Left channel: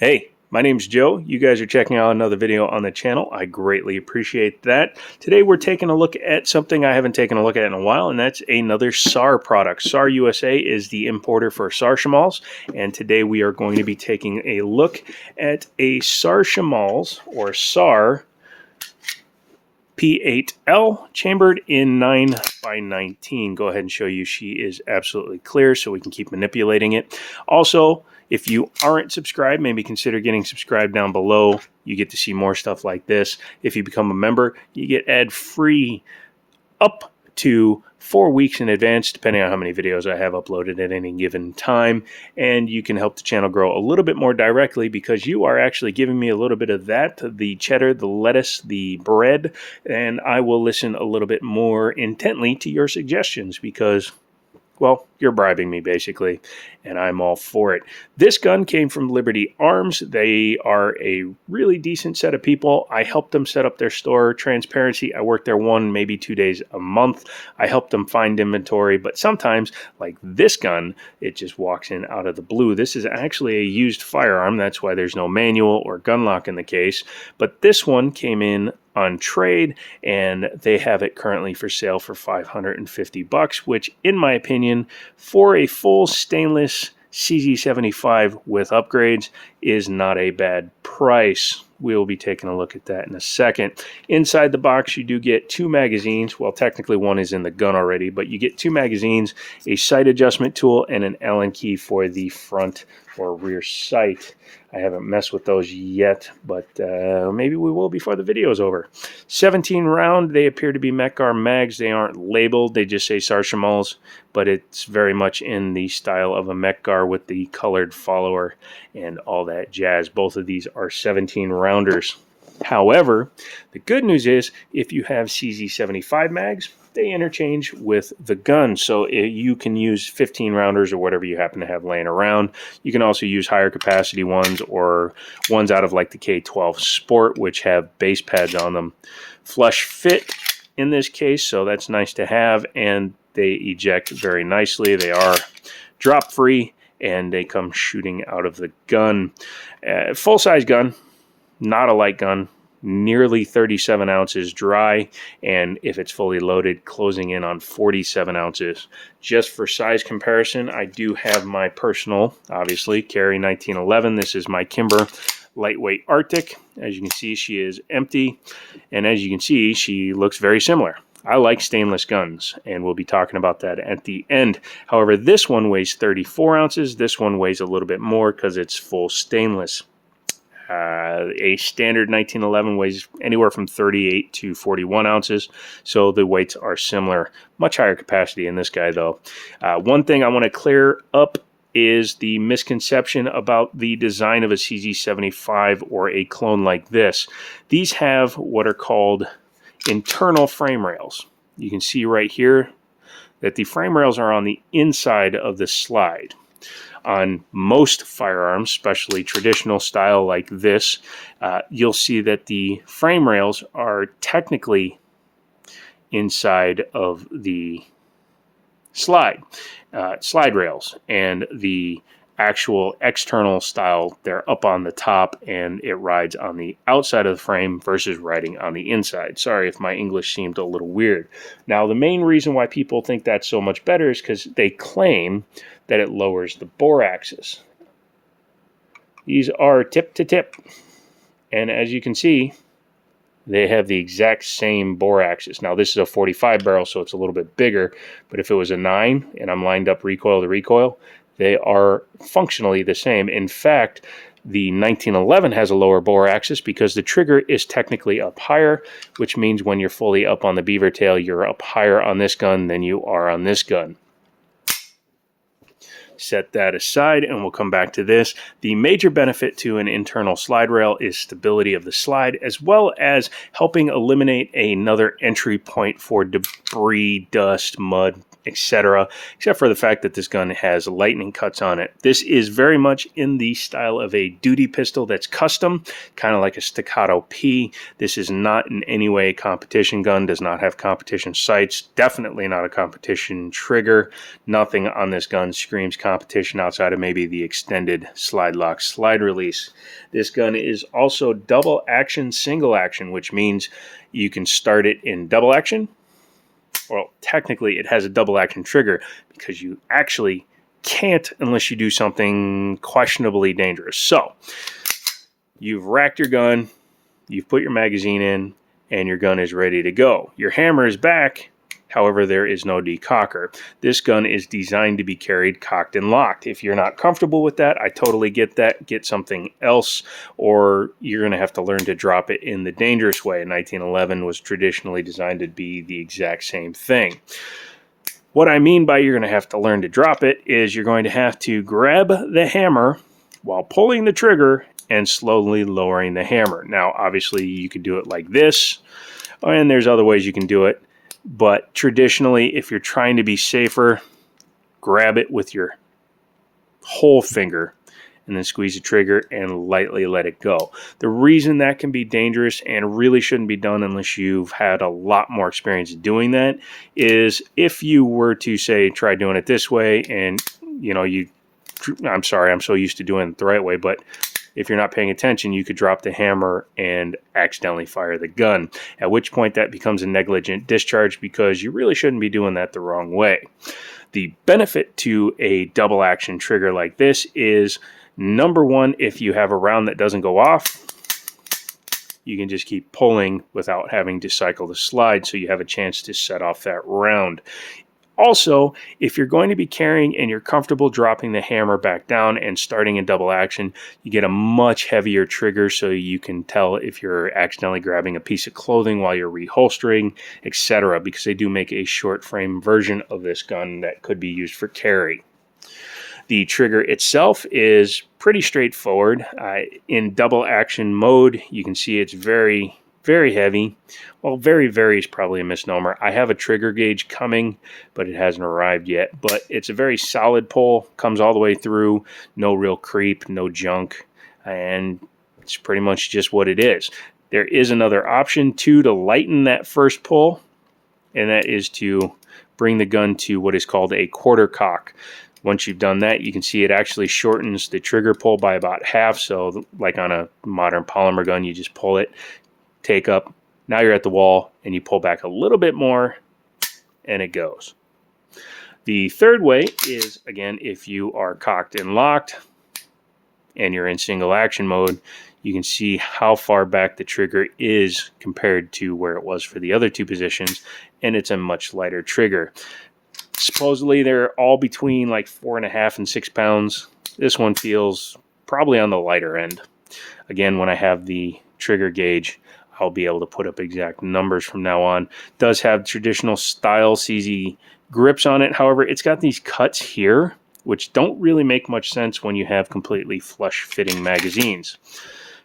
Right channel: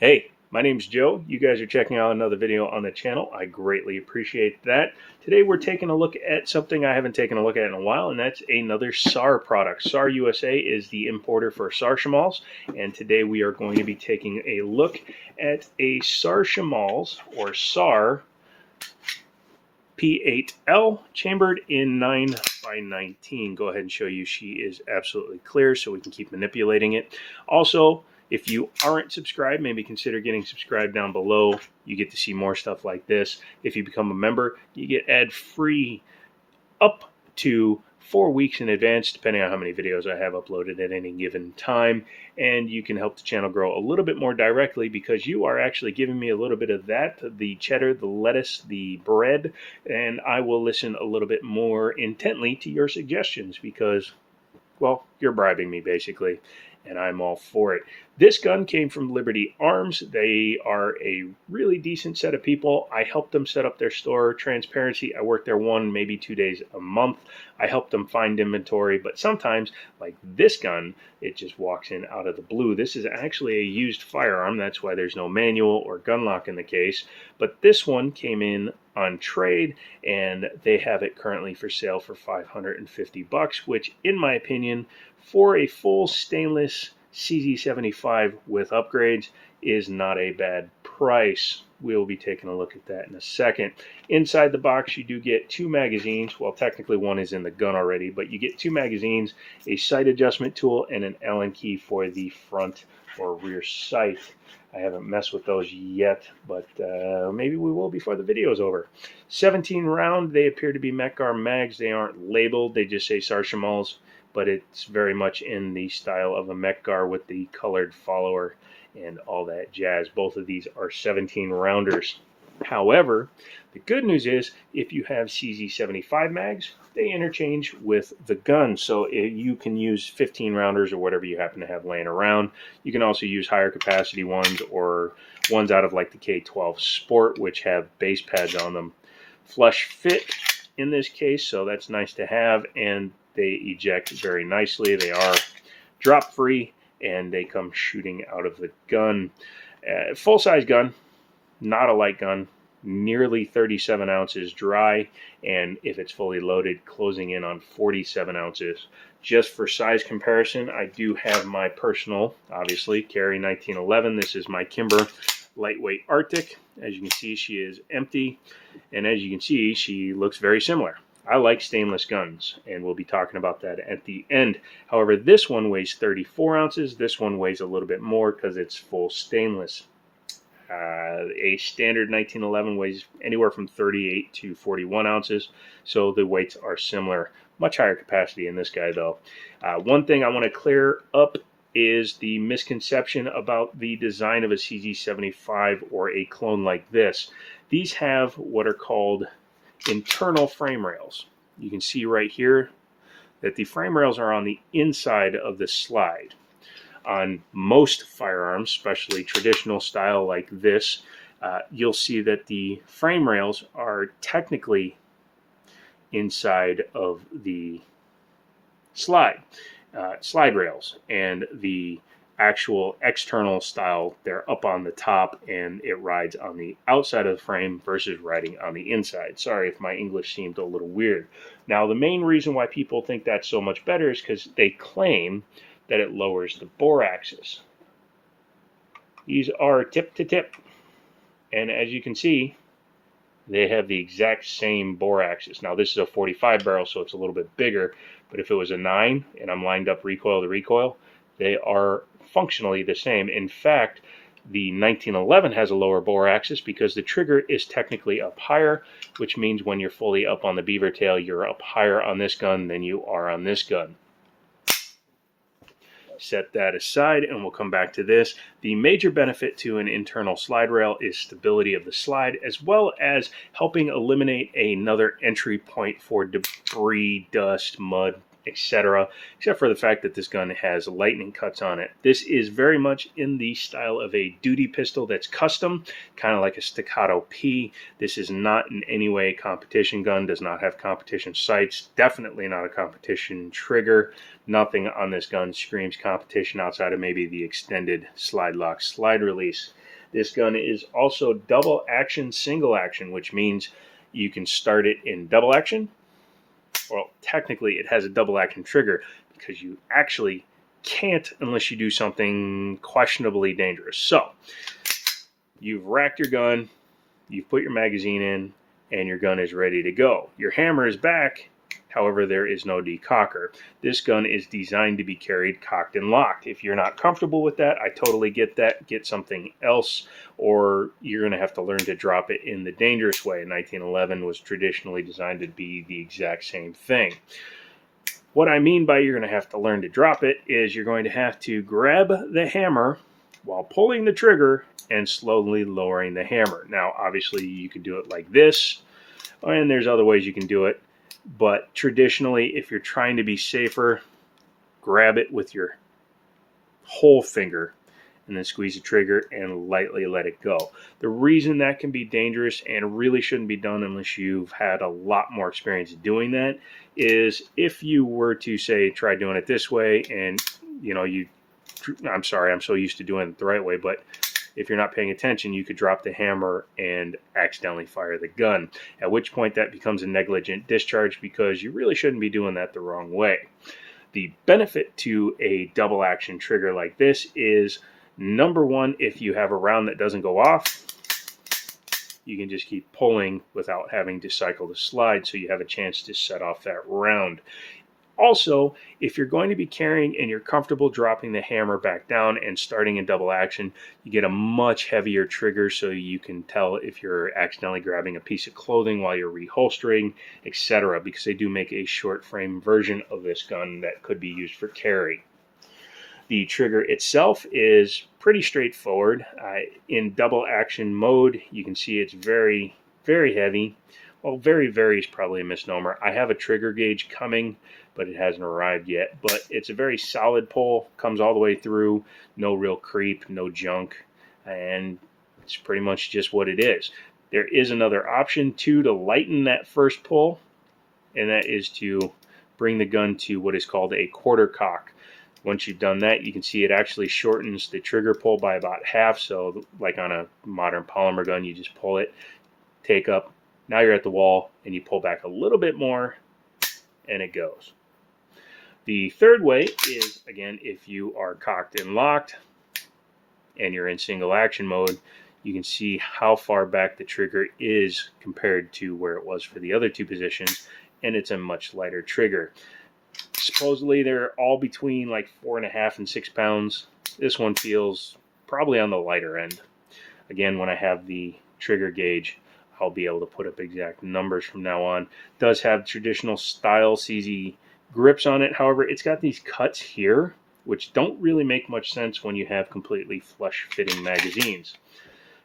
Hey, my name's Joe. You guys are checking out another video on the channel. I greatly appreciate that. Today we're taking a look at something I haven't taken a look at in a while, and that's another SAR product. SAR USA is the importer for SAR Shamals, and today we are going to be taking a look at a SAR Shamals, or SAR P8L, chambered in 9x19. Go ahead and show you she is absolutely clear so we can keep manipulating it. Also, if you aren't subscribed, maybe consider getting subscribed down below. You get to see more stuff like this. If you become a member, you get ad-free up to 4 weeks in advance, depending on how many videos I have uploaded at any given time. And you can help the channel grow a little bit more directly because you are actually giving me a little bit of that, the cheddar, the lettuce, the bread, and I will listen a little bit more intently to your suggestions because, well, you're bribing me basically, and I'm all for it. This gun came from Liberty Arms. They are a really decent set of people. I helped them set up their store. Transparency, I work there 1, maybe 2 days a month. I help them find inventory, but sometimes, like this gun, it just walks in out of the blue. This is actually a used firearm. That's why there's no manual or gun lock in the case, but this one came in on trade, and they have it currently for sale for $550, which in my opinion, for a full stainless CZ75 with upgrades, is not a bad price. We'll be taking a look at that in a second. Inside the box, you do get 2 magazines. Well, technically one is in the gun already, but you get 2 magazines, a sight adjustment tool, and an Allen key for the front or rear sight. I haven't messed with those yet, but maybe we will before the video is over. 17 round, they appear to be Mekgar mags. They aren't labeled, they just say SAR Shamals, but it's very much in the style of a Mekgar with the colored follower and all that jazz. Both of these are 17 rounders. However, the good news is if you have CZ75 mags, they interchange with the gun, so you can use 15 rounders or whatever you happen to have laying around. You can also use higher capacity ones or ones out of like the K12 Sport, which have base pads on them. Flush fit in this case, so that's nice to have, and they eject very nicely. They are drop free and they come shooting out of the gun. Full-size gun, not a light gun, nearly 37 ounces dry, and if it's fully loaded, closing in on 47 ounces. Just for size comparison, I do have my personal, obviously, carry 1911. This is my Kimber lightweight Arctic. As you can see, she is empty, and as you can see, she looks very similar. I like stainless guns, and we'll be talking about that at the end. However, this one weighs 34 ounces. This one weighs a little bit more because it's full stainless. A standard 1911 weighs anywhere from 38 to 41 ounces, so the weights are similar. Much higher capacity in this guy, though. One thing I want to clear up is the misconception about the design of a CZ75 or a clone like this. These have what are called internal frame rails. You can see right here that the frame rails are on the inside of the slide. On most firearms, especially traditional style like this, you'll see that the frame rails are technically inside of the slide rails, and the actual external style, they're up on the top and it rides on the outside of the frame versus riding on the inside. Sorry if my English seemed a little weird. Now, the main reason why people think that's so much better is because they claim that it lowers the bore axis. These are tip to tip, and as you can see, they have the exact same bore axis. Now, this is a 45 barrel, so it's a little bit bigger, but if it was a 9 and I'm lined up recoil to recoil, they are functionally the same. In fact, the 1911 has a lower bore axis because the trigger is technically up higher, which means when you're fully up on the beaver tail, you're up higher on this gun than you are on this gun. Set that aside and we'll come back to this. The major benefit to an internal slide rail is stability of the slide, as well as helping eliminate another entry point for debris, dust, mud, etc., except for the fact that this gun has lightning cuts on it. This is very much in the style of a duty pistol that's custom, kind of like a Staccato P. This is not in any way a competition gun, does not have competition sights, definitely not a competition trigger. Nothing on this gun screams competition outside of maybe the extended slide lock slide release. This gun is also double action, single action, which means you can start it in double action. Well, technically it has a double action trigger because you actually can't unless you do something questionably dangerous. So you've racked your gun, you've put your magazine in, and your gun is ready to go. Your hammer is back. However, there is no decocker. This gun is designed to be carried cocked and locked. If you're not comfortable with that, I totally get that. Get something else, or you're going to have to learn to drop it in the dangerous way. 1911 was traditionally designed to be the exact same thing. What I mean by you're going to have to learn to drop it is you're going to have to grab the hammer while pulling the trigger and slowly lowering the hammer. Now, obviously, you could do it like this, and there's other ways you can do it. But traditionally, if you're trying to be safer, grab it with your whole finger and then squeeze the trigger and lightly let it go. The reason that can be dangerous and really shouldn't be done unless you've had a lot more experience doing that is if you were to, say, try doing it this way and, I'm sorry, I'm so used to doing it the right way, but if you're not paying attention, you could drop the hammer and accidentally fire the gun, at which point that becomes a negligent discharge because you really shouldn't be doing that the wrong way. The benefit to a double action trigger like this is, number one, if you have a round that doesn't go off, you can just keep pulling without having to cycle the slide, so you have a chance to set off that round. Also, if you're going to be carrying and you're comfortable dropping the hammer back down and starting in double action, you get a much heavier trigger so you can tell if you're accidentally grabbing a piece of clothing while you're reholstering, etc., because they do make a short frame version of this gun that could be used for carry. The trigger itself is pretty straightforward. In double action mode, you can see it's very, very heavy. Well, very is probably a misnomer. I have a trigger gauge coming, but it hasn't arrived yet. But it's a very solid pull, comes all the way through, no real creep, no junk, and it's pretty much just what it is. There is another option too to lighten that first pull, and that is to bring the gun to what is called a quarter cock. Once you've done that, you can see it actually shortens the trigger pull by about half. So like on a modern polymer gun, you just pull it, take up, now you're at the wall, and you pull back a little bit more, and it goes. The third way is, again, if you are cocked and locked, and you're in single action mode, you can see how far back the trigger is compared to where it was for the other two positions, and it's a much lighter trigger. Supposedly, they're all between like 4.5 and 6 pounds. This one feels probably on the lighter end. Again, when I have the trigger gauge, I'll be able to put up exact numbers from now on. It does have traditional style CZ grips on it. However, it's got these cuts here, which don't really make much sense when you have completely flush fitting magazines,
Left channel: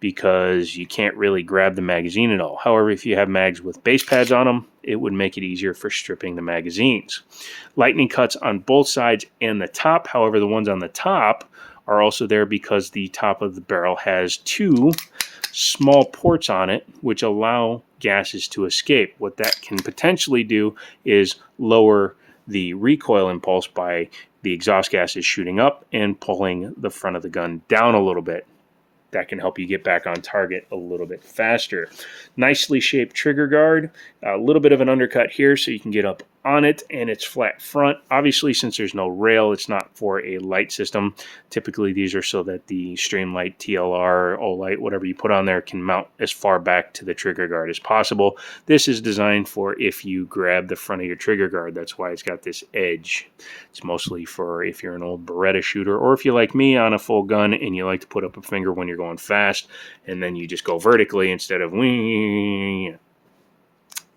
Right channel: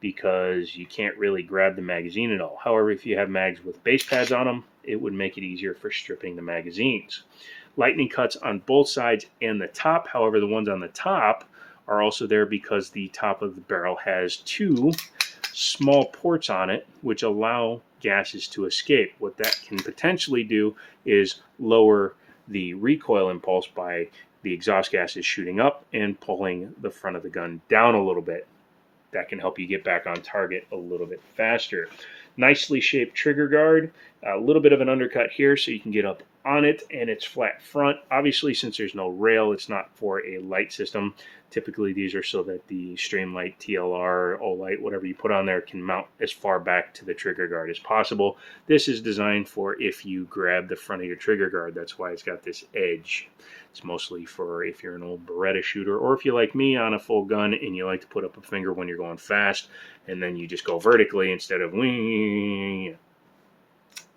because you can't really grab the magazine at all. However, if you have mags with base pads on them, it would make it easier for stripping the magazines. Lightning cuts on both sides and the top. However, the ones on the top are also there because the top of the barrel has two small ports on it which allow gases to escape. What that can potentially do is lower the recoil impulse by the exhaust gases shooting up and pulling the front of the gun down a little bit. That can help you get back on target a little bit faster. Nicely shaped trigger guard, a little bit of an undercut here so you can get up on it, and it's flat front. Obviously, since there's no rail, it's not for a light system. Typically, these are so that the Streamlight, TLR, Olight, whatever you put on there, can mount as far back to the trigger guard as possible. This is designed for if you grab the front of your trigger guard. That's why it's got this edge. It's mostly for if you're an old Beretta shooter, or if you're like me on a full gun and you like to put up a finger when you're going fast, and then you just go vertically instead of wing.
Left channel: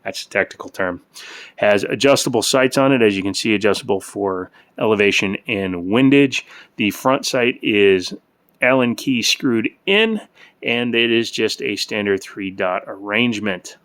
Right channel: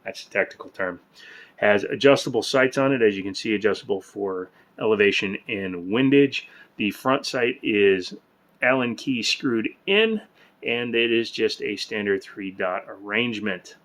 That's a technical term. Has adjustable sights on it, as you can see, adjustable for elevation and windage. The front sight is Allen key screwed in, and it is just a standard 3-dot arrangement.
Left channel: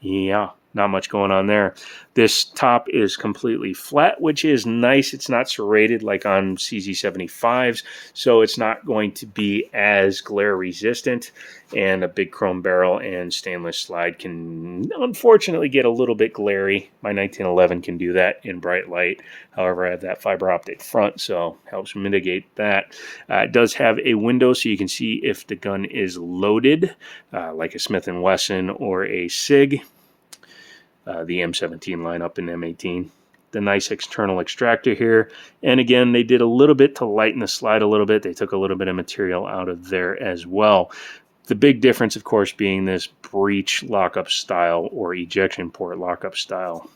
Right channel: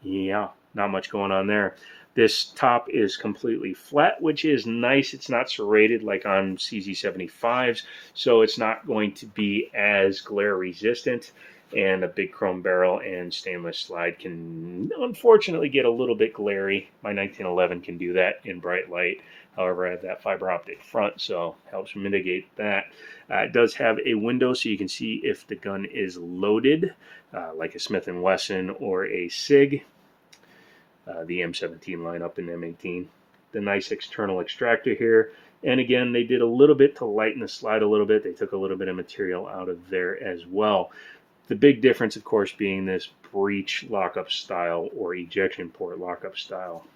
Yeah, not much going on there. This top is completely flat, which is nice. It's not serrated like on CZ75s, so it's not going to be as glare resistant. And a big chrome barrel and stainless slide can unfortunately get a little bit glary. My 1911 can do that in bright light. However, I have that fiber optic front, so helps mitigate that. It does have a window so you can see if the gun is loaded, like a Smith & Wesson or a SIG. The M17 lineup in M18. The nice external extractor here. And again, they did a little bit to lighten the slide a little bit. They took a little bit of material out of there as well. The big difference, of course, being this breech lockup style or ejection port lockup style,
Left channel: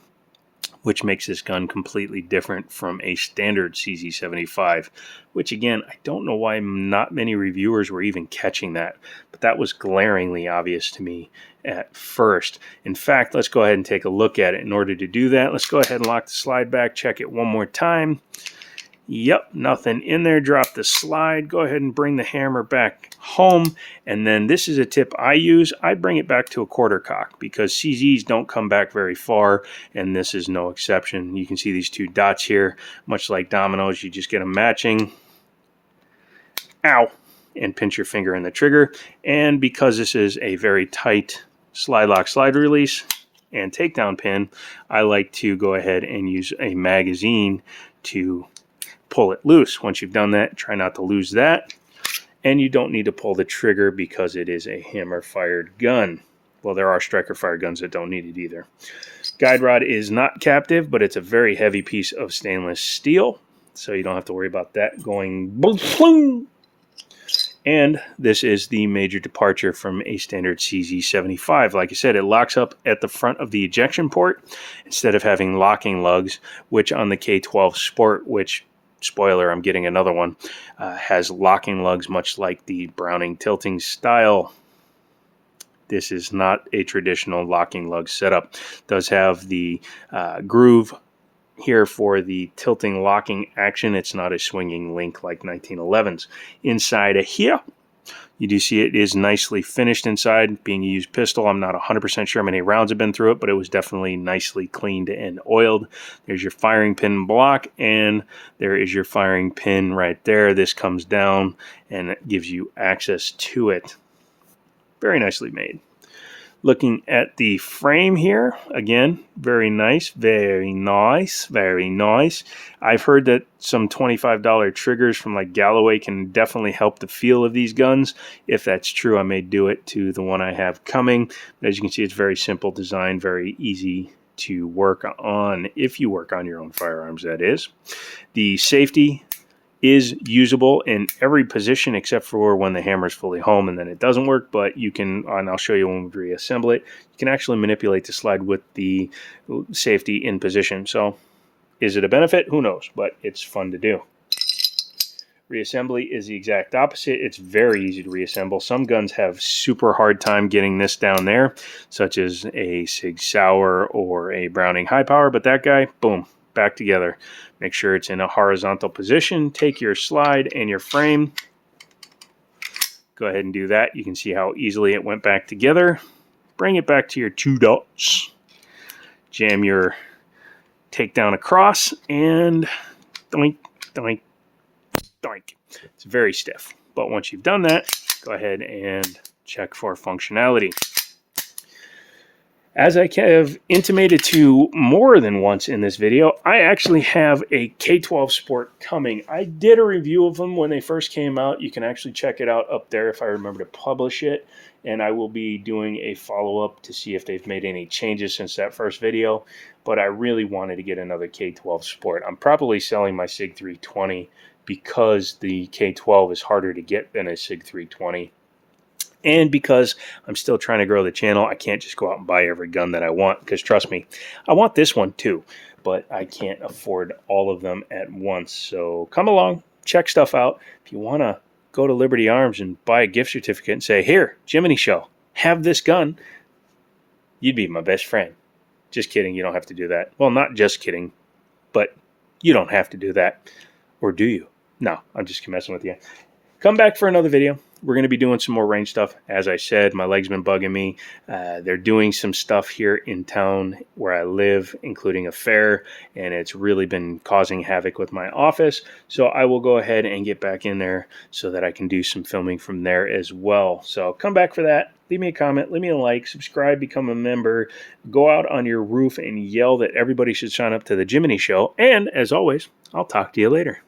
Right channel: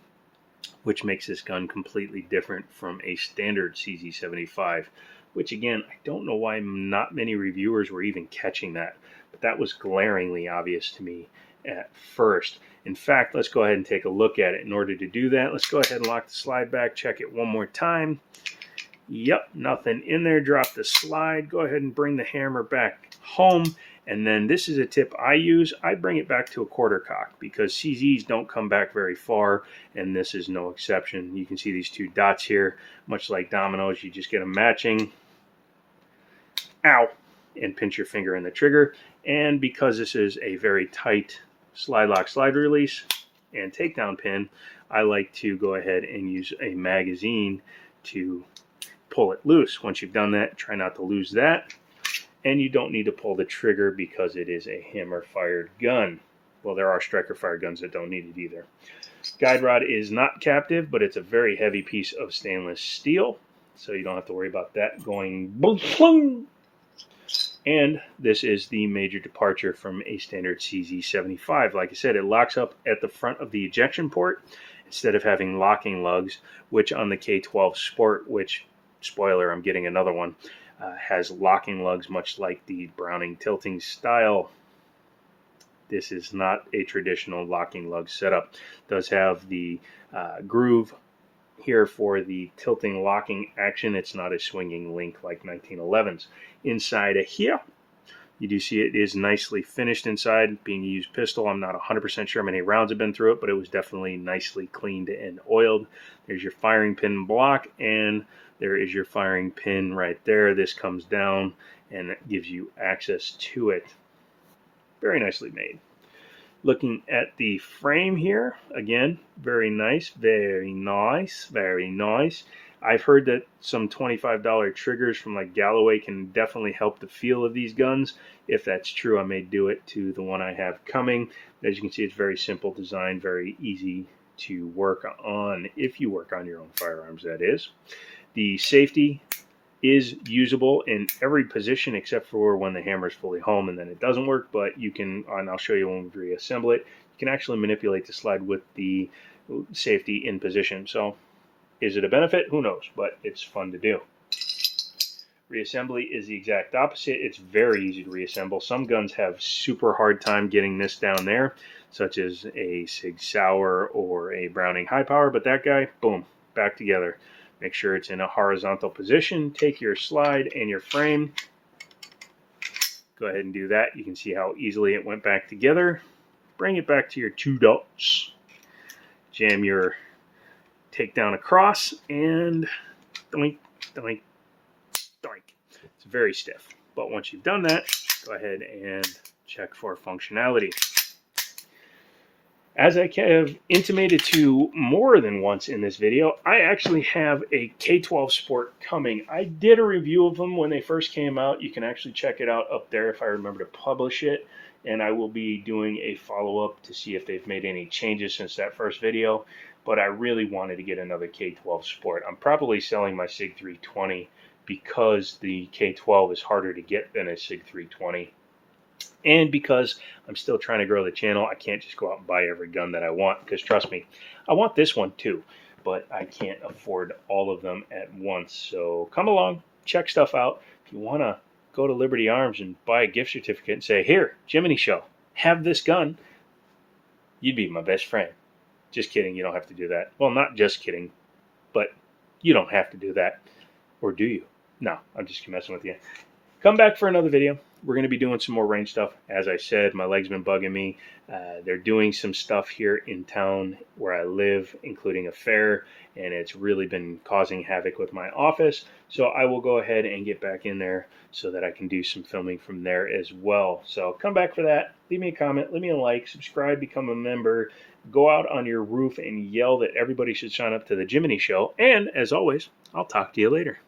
which makes this gun completely different from a standard CZ75, which again, I don't know why not many reviewers were even catching that, but that was glaringly obvious to me at first. In fact, let's go ahead and take a look at it. In order to do that, let's go ahead and lock the slide back, check it one more time. Yep, nothing in there. Drop the slide. Go ahead and bring the hammer back home. And then this is a tip I use. I bring it back to a quarter cock because CZs don't come back very far, and this is no exception. You can see these two dots here. Much like dominoes, you just get them matching. Ow! And pinch your finger in the trigger. And because this is a very tight slide lock slide release and takedown pin, I like to go ahead and use a magazine to pull it loose. Once you've done that, try not to lose that. And you don't need to pull the trigger because it is a hammer-fired gun. Well, there are striker-fired guns that don't need it either. Guide rod is not captive, but it's a very heavy piece of stainless steel, so you don't have to worry about that going boom. And this is the major departure from a standard CZ75. Like I said, it locks up at the front of the ejection port instead of having locking lugs, which on the K12 Sport, which spoiler, I'm getting another one, has locking lugs much like the Browning tilting style. This is not a traditional locking lug setup. It does have the groove here for the tilting locking action. It's not a swinging link like 1911s. Inside of here, you do see it is nicely finished inside. Being a used pistol, I'm not 100% sure how many rounds have been through it, but it was definitely nicely cleaned and oiled. There's your firing pin block, and there is your firing pin right there. This comes down, and it gives you access to it. Very nicely made. Looking at the frame here, again, very nice, very nice, very nice. I've heard that some $25 triggers from like Galloway can definitely help the feel of these guns. If that's true, I may do it to the one I have coming. But as you can see, it's very simple design, very easy to work on, if you work on your own firearms, that is. The safety is usable in every position except for when the hammer is fully home and then it doesn't work, but you can, and I'll show you when we reassemble it, you can actually manipulate the slide with the safety in position. So is it a benefit? Who knows, but it's fun to do. Reassembly is the exact opposite. It's very easy to reassemble. Some guns have super hard time getting this down there, such as a Sig Sauer or a Browning High Power, but that guy, boom, back together. Make sure it's in a horizontal position. Take your slide and your frame. Go ahead and do that. You can see how easily it went back together. Bring it back to your two dots. Jam your takedown across and doink, doink, doink. It's very stiff. But once you've done that, go ahead and check for functionality. As I have intimated to more than once in this video, I actually have a K12 Sport coming. I did a review of them when they first came out. You can actually check it out up there if I remember to publish it. And I will be doing a follow-up to see if they've made any changes since that first video. But I really wanted to get another K12 Sport. I'm probably selling my SIG 320 because the K12 is harder to get than a SIG 320. And because I'm still trying to grow the channel, I can't just go out and buy every gun that I want. Because trust me, I want this one too. But I can't afford all of them at once. So come along, check stuff out. If you want to go to Liberty Arms and buy a gift certificate and say, here, Jiminy Show, have this gun, you'd be my best friend. Just kidding, you don't have to do that. Well, not just kidding, but you don't have to do that. Or do you? No, I'm just messing with you. come back for another video. We're going to be doing some more range stuff. As I said, my leg's been bugging me. They're doing some stuff here in town where I live, including a fair, and it's really been causing havoc with my office. So I will go ahead and get back in there so that I can do some filming from there as well. So come back for that. Leave me a comment, leave me a like, subscribe, become a member, go out on your roof and yell that everybody should sign up to the Jiminy Show. And as always, I'll talk to you later.